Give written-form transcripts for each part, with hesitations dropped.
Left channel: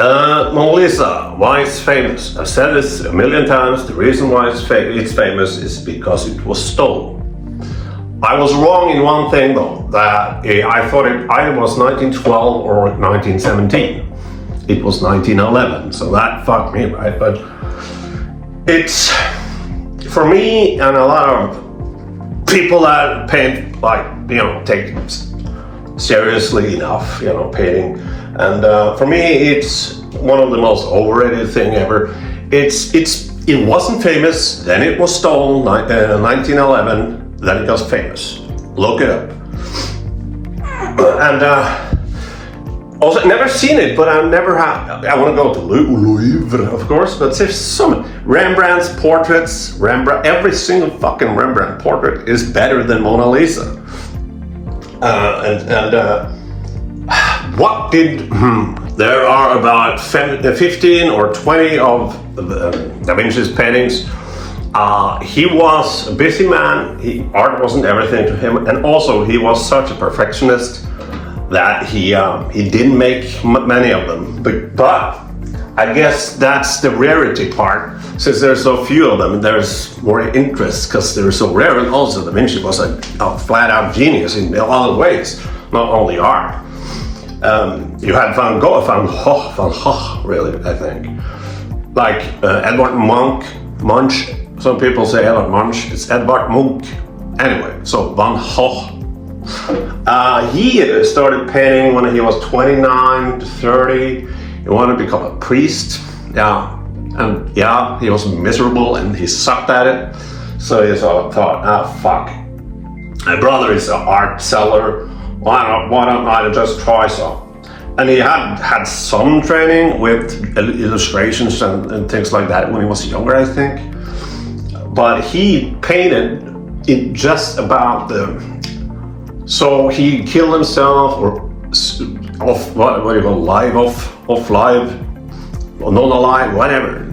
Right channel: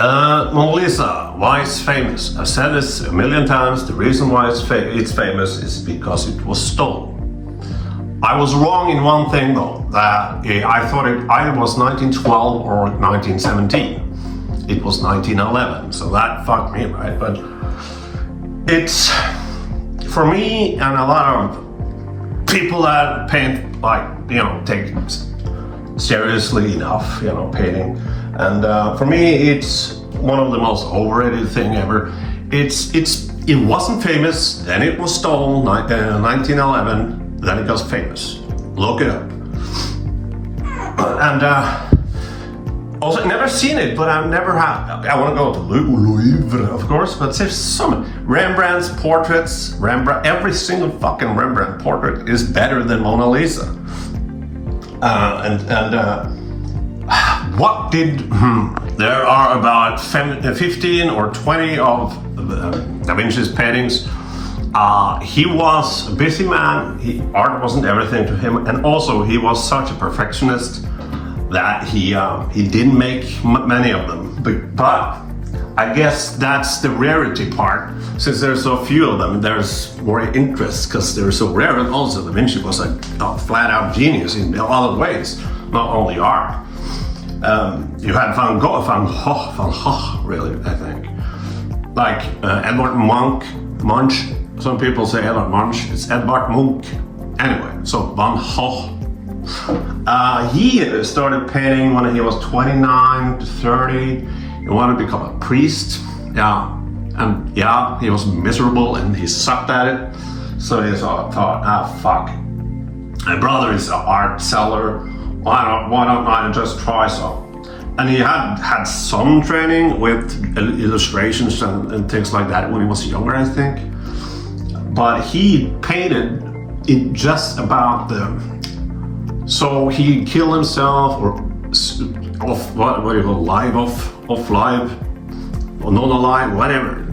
Mona Lisa, why it's famous? I've said this a million times. The reason why it's famous is because it was stolen. I was wrong in one thing though, that I thought it either was 1912 or 1917. It was 1911, so that fucked me, right? But it's, for me and a lot of people that paint, like, take it seriously enough, painting. And for me, it's one of the most overrated thing ever. It wasn't famous, then it was stolen, 1911, then it got famous. Look it up. And also, never seen it, but I never have. I want to go to Louvre, of course, but there's some Rembrandt's portraits. Every single fucking Rembrandt portrait is better than Mona Lisa. What did there are about 15 or 20 of Da Vinci's paintings. He was a busy man. Art wasn't everything to him, and also he was such a perfectionist that he didn't make many of them. But I guess that's the rarity part. Since there's so few of them, there's more interest because they're so rare. And also, Da Vinci was a flat-out genius in a lot of ways, not only art. You had Van Gogh, really, I think. Like Edvard Munch. Some people say Edvard Munch. It's Edvard Munch. Anyway, so Van Gogh. He started painting when he was 29 to 30. He wanted to become a priest. And he was miserable and he sucked at it. So he thought, fuck. My brother is an art seller. Why don't I just try some? And he had some training with illustrations and things like that when he was younger, I think. But he painted it just about so he killed himself off live, or non-alive, whatever,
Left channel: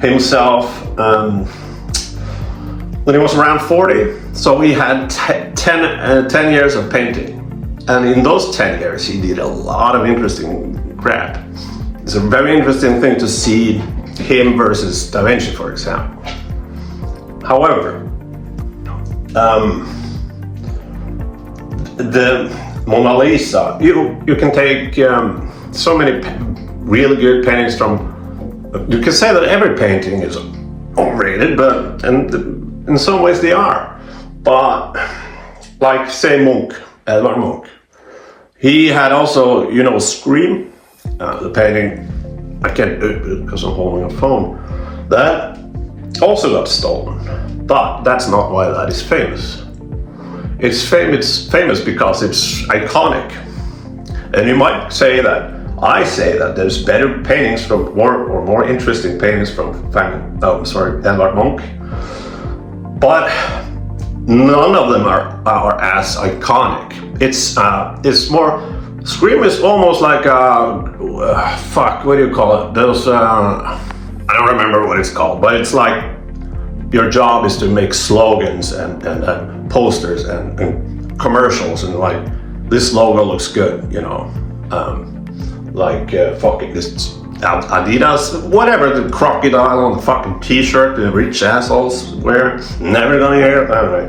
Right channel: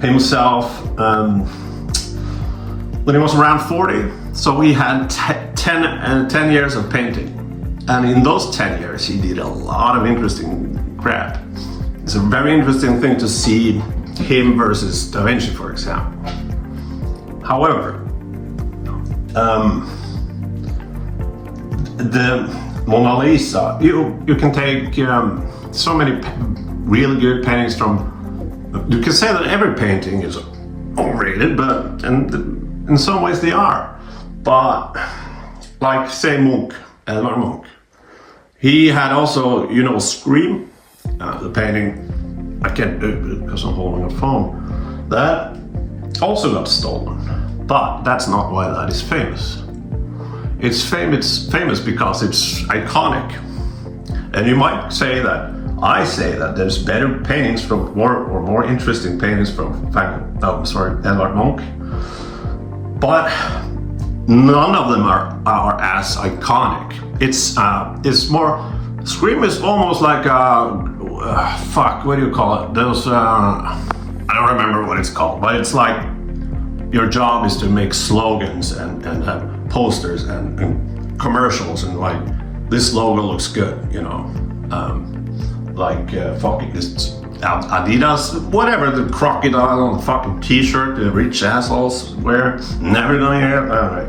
himself when he was around 40. So he had 10 years of painting. And in those 10 years, he did a lot of interesting crap. It's a very interesting thing to see him versus Da Vinci, for example. However, the Mona Lisa, you can take so many really good paintings from. You can say that every painting is overrated, but in some ways they are. But like say Edvard Munch, he had also Scream, the painting. I can't do it because I'm holding a phone. That also got stolen, but that's not why that is famous. It's famous because it's iconic. And you might say that, I say that there's better paintings from more interesting paintings from Edvard Munch. But none of them are as iconic. It's more, Scream is almost like what do you call it? Those, I don't remember what it's called, but it's like your job is to make slogans and posters and commercials and like, this logo looks good, fucking this Adidas, whatever, the crocodile on the fucking t-shirt the rich assholes wear, never gonna hear it, anyway.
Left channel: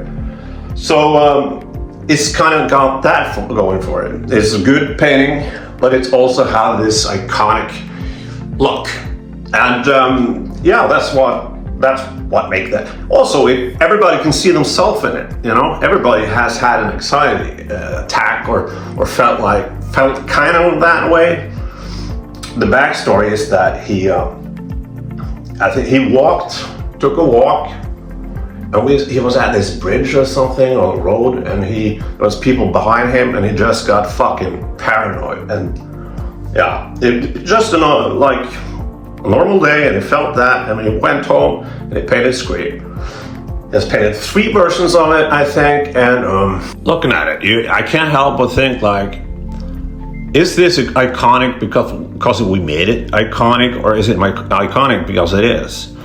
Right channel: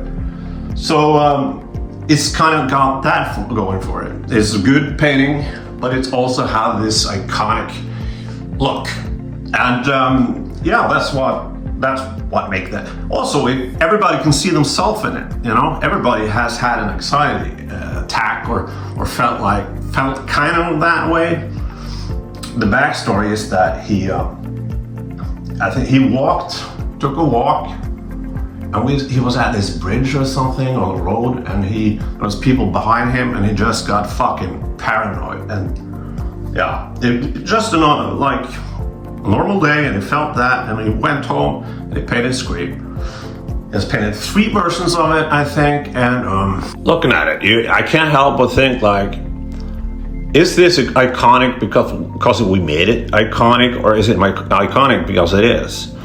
So it's kind of got that going for it. It's a good painting, but it's also has this iconic look. And that's what make that. Also, everybody can see themselves in it. Everybody has had an anxiety attack or felt kind of that way. The backstory is that he took a walk, and he was at this bridge or something on the road, and there was people behind him, and he just got fucking paranoid. And it just a normal day, and he felt that, and he went home and he painted Scream. He's painted 3 versions of it, I think, and looking at it, I can't help but think is this iconic because we made it iconic, or is it iconic because it is?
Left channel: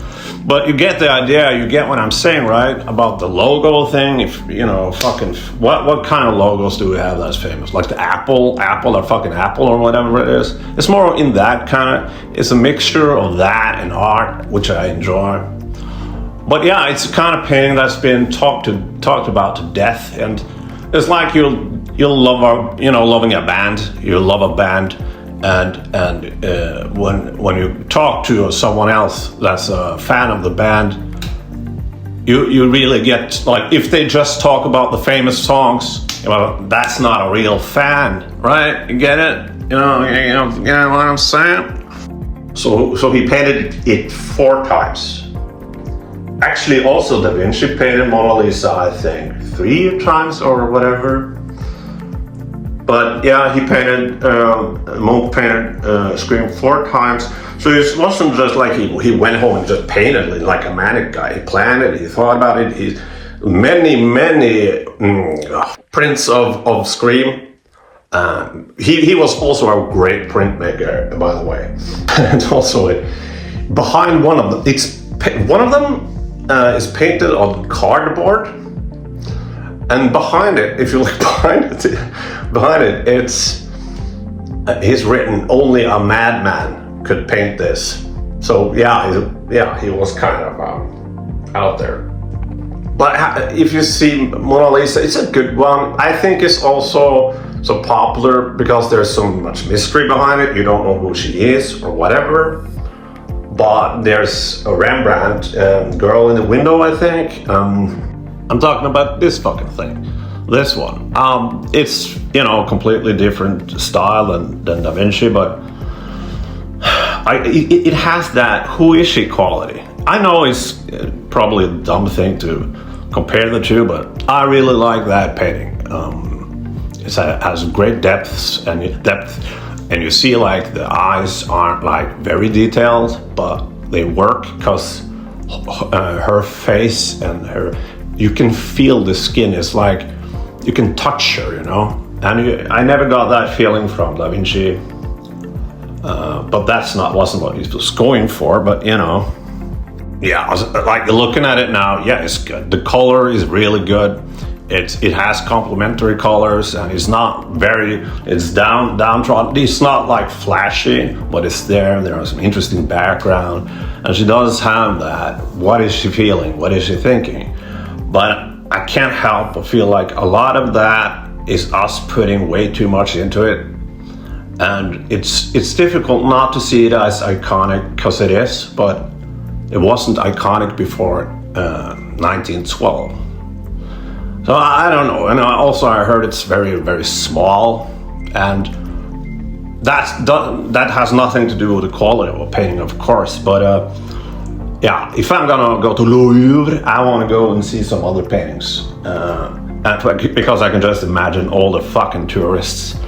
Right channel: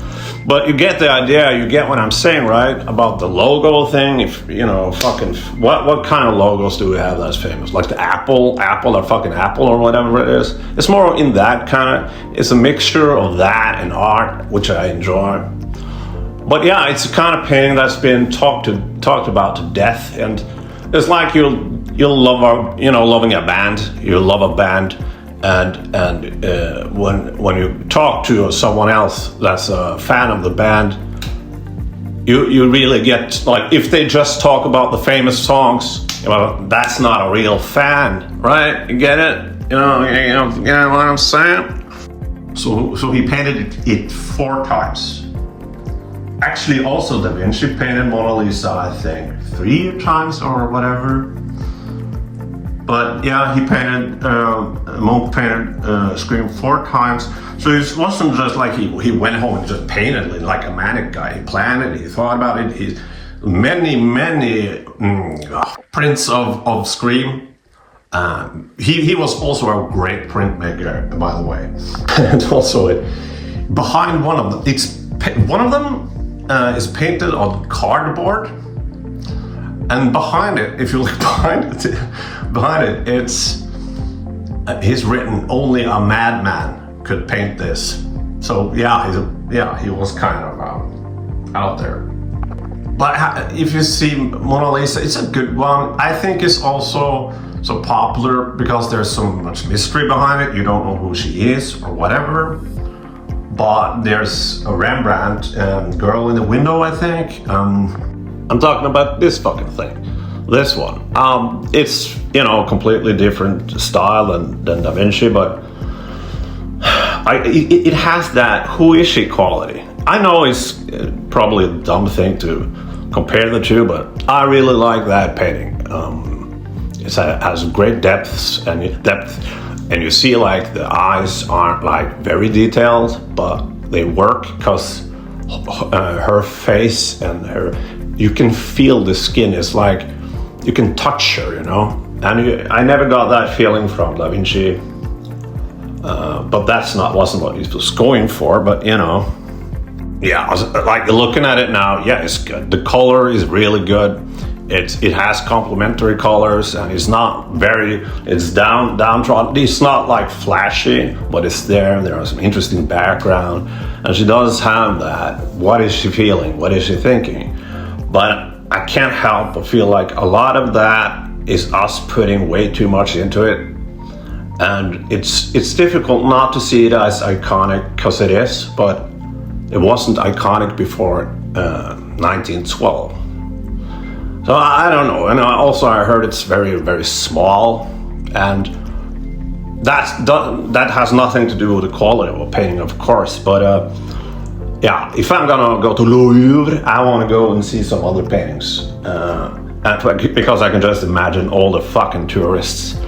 But you get the idea, you get what I'm saying, right? About the logo thing. If you know, fucking, what kind of logos do we have that's famous? Like the Apple or fucking Apple or whatever it is. It's more in that kind of, it's a mixture of that and art, which I enjoy. But yeah, it's a kind of painting that's been talked about to death, and it's like you'll love loving a band. You love a band. And when you talk to someone else that's a fan of the band, you really get, like, if they just talk about the famous songs, that's not a real fan, right? You get it? You know what I'm saying? So he painted it 4 times. Actually, also Da Vinci painted Mona Lisa, I think, 3 times or whatever. But yeah, he painted, Munch painted Scream 4 times. So it wasn't just like he went home and just painted it like a manic guy. He planned it, he thought about it. He many prints of Scream. He was also a great printmaker, by the way. And also, behind one of them, is painted on cardboard. And behind it, if you look behind it, it's he's written, "Only a madman could paint this." So yeah, he was kind of out there. But if you see Mona Lisa, it's a good one. I think it's also so popular because there's so much mystery behind it. You don't know who she is or whatever. But there's a Rembrandt, Girl in the Window, I think. I'm talking about this fucking thing. This one. It's, completely different style than Da Vinci, but it has that who is she quality. I know it's probably a dumb thing to compare the two, but I really like that painting. It has great depth, and you see like the eyes aren't like very detailed, but they work because her face and you can feel the skin. It's like you can touch her, And I never got that feeling from Da Vinci, but wasn't what he was going for. But yeah, like looking at it now, yeah, it's good. The color is really good. It has complementary colors, and it's downtrodden. It's not like flashy, but it's there. There is some interesting background, and she does have that. What is she feeling? What is she thinking? But I can't help but feel like a lot of that is us putting way too much into it. And it's difficult not to see it as iconic, because it is, but it wasn't iconic before 1912. So I don't know. And also I heard it's very, very small, and that has nothing to do with the quality of a painting, of course, but yeah, if I'm gonna go to Louvre, I want to go and see some other paintings, because I can just imagine all the fucking tourists,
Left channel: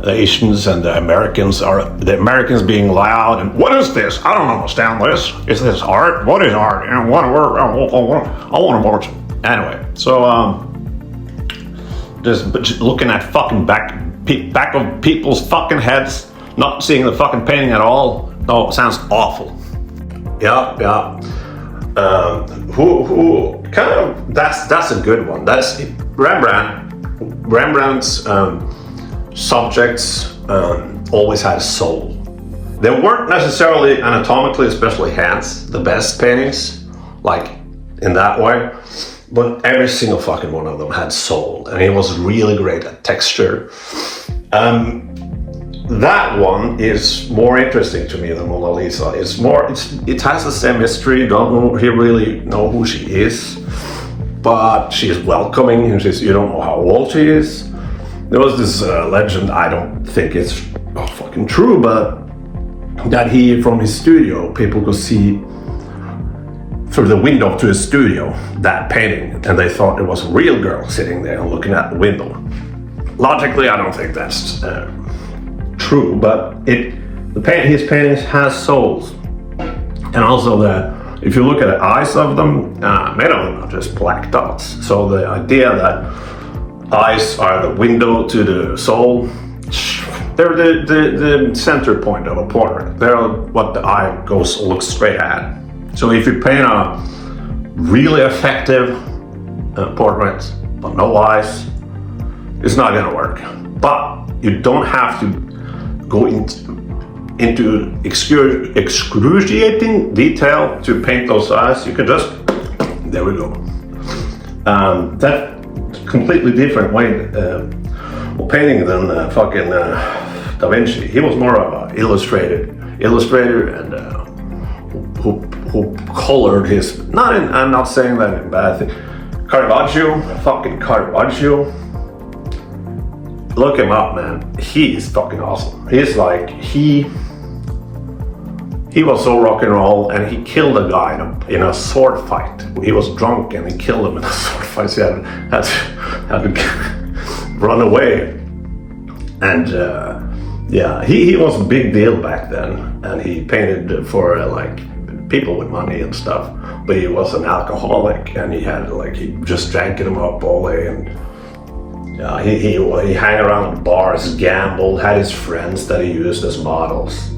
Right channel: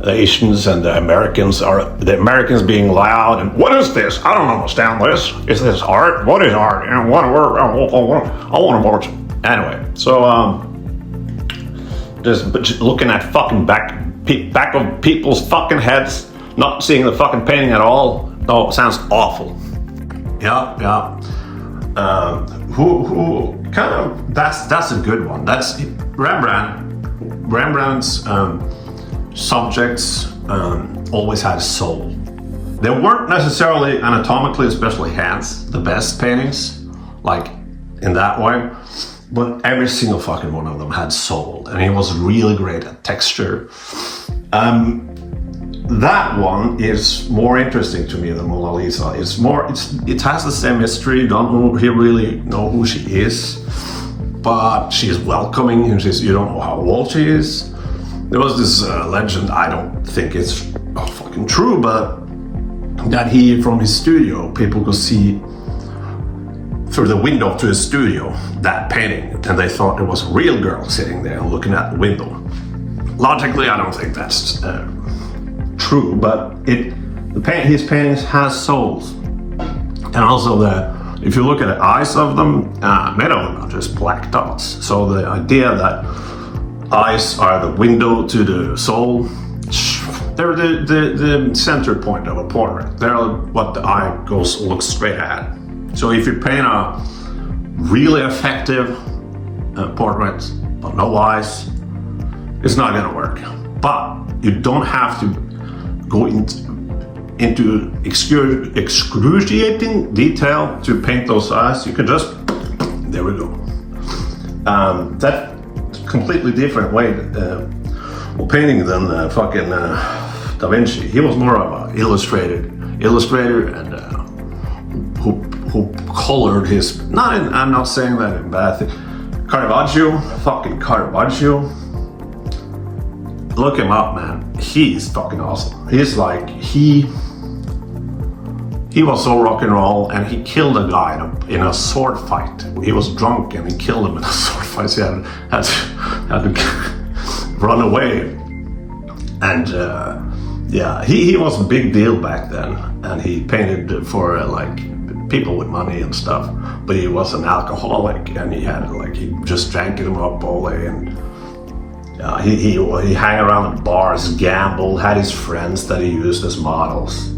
the Asians and the Americans being loud and, "What is this? I don't understand this. Is this art? What is art? And I want to watch." Anyway, so just looking at fucking back of people's fucking heads, not seeing the fucking painting at all. Oh, it sounds awful. Yeah. Who kind of, that's a good one. That's Rembrandt's subjects always had a soul. They weren't necessarily anatomically, especially hands, the best paintings, like in that way, but every single fucking one of them had soul, and he was really great at texture. That one is more interesting to me than Mona Lisa. It has the same history. You don't really know who she is, but she's welcoming, and you don't know how old she is. There was this legend, I don't think it's fucking true, but that from his studio, people could see through the window to his studio that painting, and they thought it was a real girl sitting there looking at the window. Logically, I don't think that's true, but his paintings has souls, and also that if you look at the eyes of them, many of them are just black dots. So the idea that eyes are the window to the soul, they're the center point of a portrait. They're what the eye looks straight at. So if you paint a really effective portrait, but no eyes, it's not gonna work. But you don't have to go into excruciating detail to paint those eyes. You can just, there we go. That's a completely different way of painting than fucking Da Vinci. He was more of an illustrator and who colored his, I'm not saying that in bad thing. Caravaggio, fucking Caravaggio. Look him up, man. He's fucking awesome. He's like, he was so rock and roll, and he killed a guy in a sword fight. He was drunk and he killed him in a sword fight. So he had to run away. And yeah, he was a big deal back then, and he painted for like people with money and stuff. But he was an alcoholic, and he just drank them up all day, and he hung around the bars, gambled, had his friends that he used as models.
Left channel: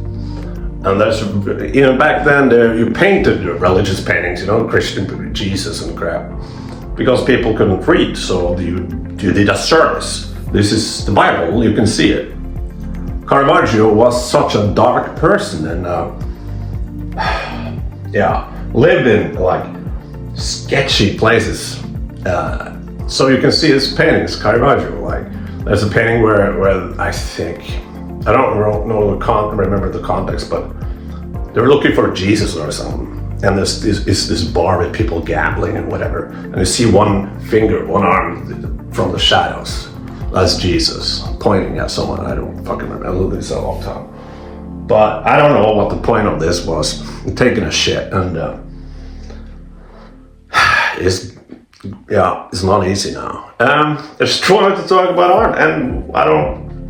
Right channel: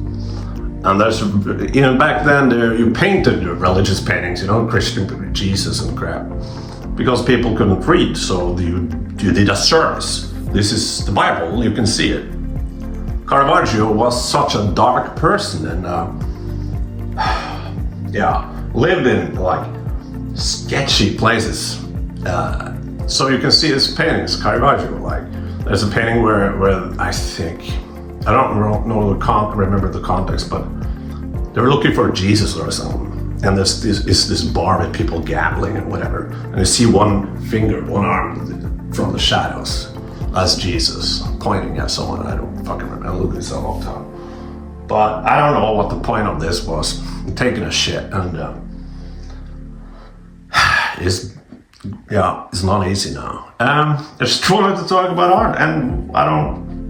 And there's, back then you painted religious paintings, Christian Jesus and crap, because people couldn't read, so you did a service. This is the Bible, you can see it. Caravaggio was such a dark person, and lived in like sketchy places. So you can see his paintings, Caravaggio. Like, there's a painting where I think, I don't remember the context, but they were looking for Jesus or something. And there's this bar with people gambling and whatever. And you see one arm from the shadows. That's Jesus pointing at someone. I don't fucking remember. I lived this a long time. But I don't know what the point of this was. I'm taking a shit, and it's not easy now. I just wanted to talk about art, and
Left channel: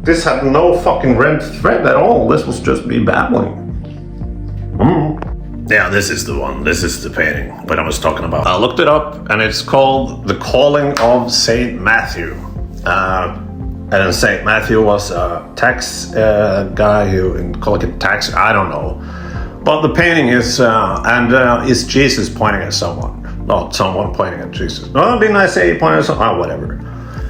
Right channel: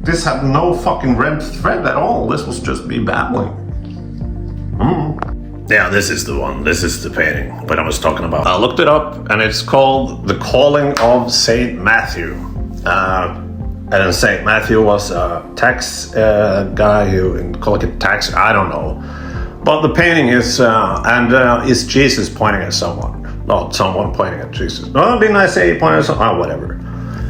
this had no fucking red thread at all. This was just me babbling. Yeah, this is the one. This is the painting that I was talking about. I looked it up, and it's called The Calling of Saint Matthew. And Saint Matthew was a tax guy who in Colquitt tax. I don't know, but the painting is is Jesus pointing at someone, not someone pointing at Jesus. Oh, didn't I say he pointed at someone? Oh, whatever.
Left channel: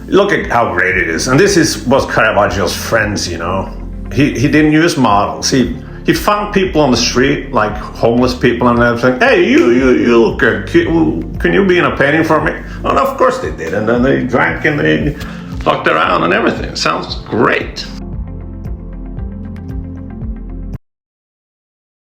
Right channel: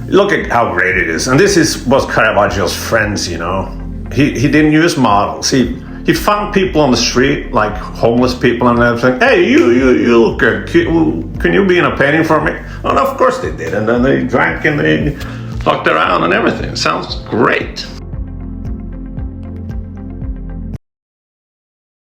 Look at how great it is. And this was Caravaggio's friends. He didn't use models. He found people on the street, like homeless people and everything. Hey, you look good. Can you be in a painting for me? And of course they did. And then they drank and they fucked around and everything. Sounds great.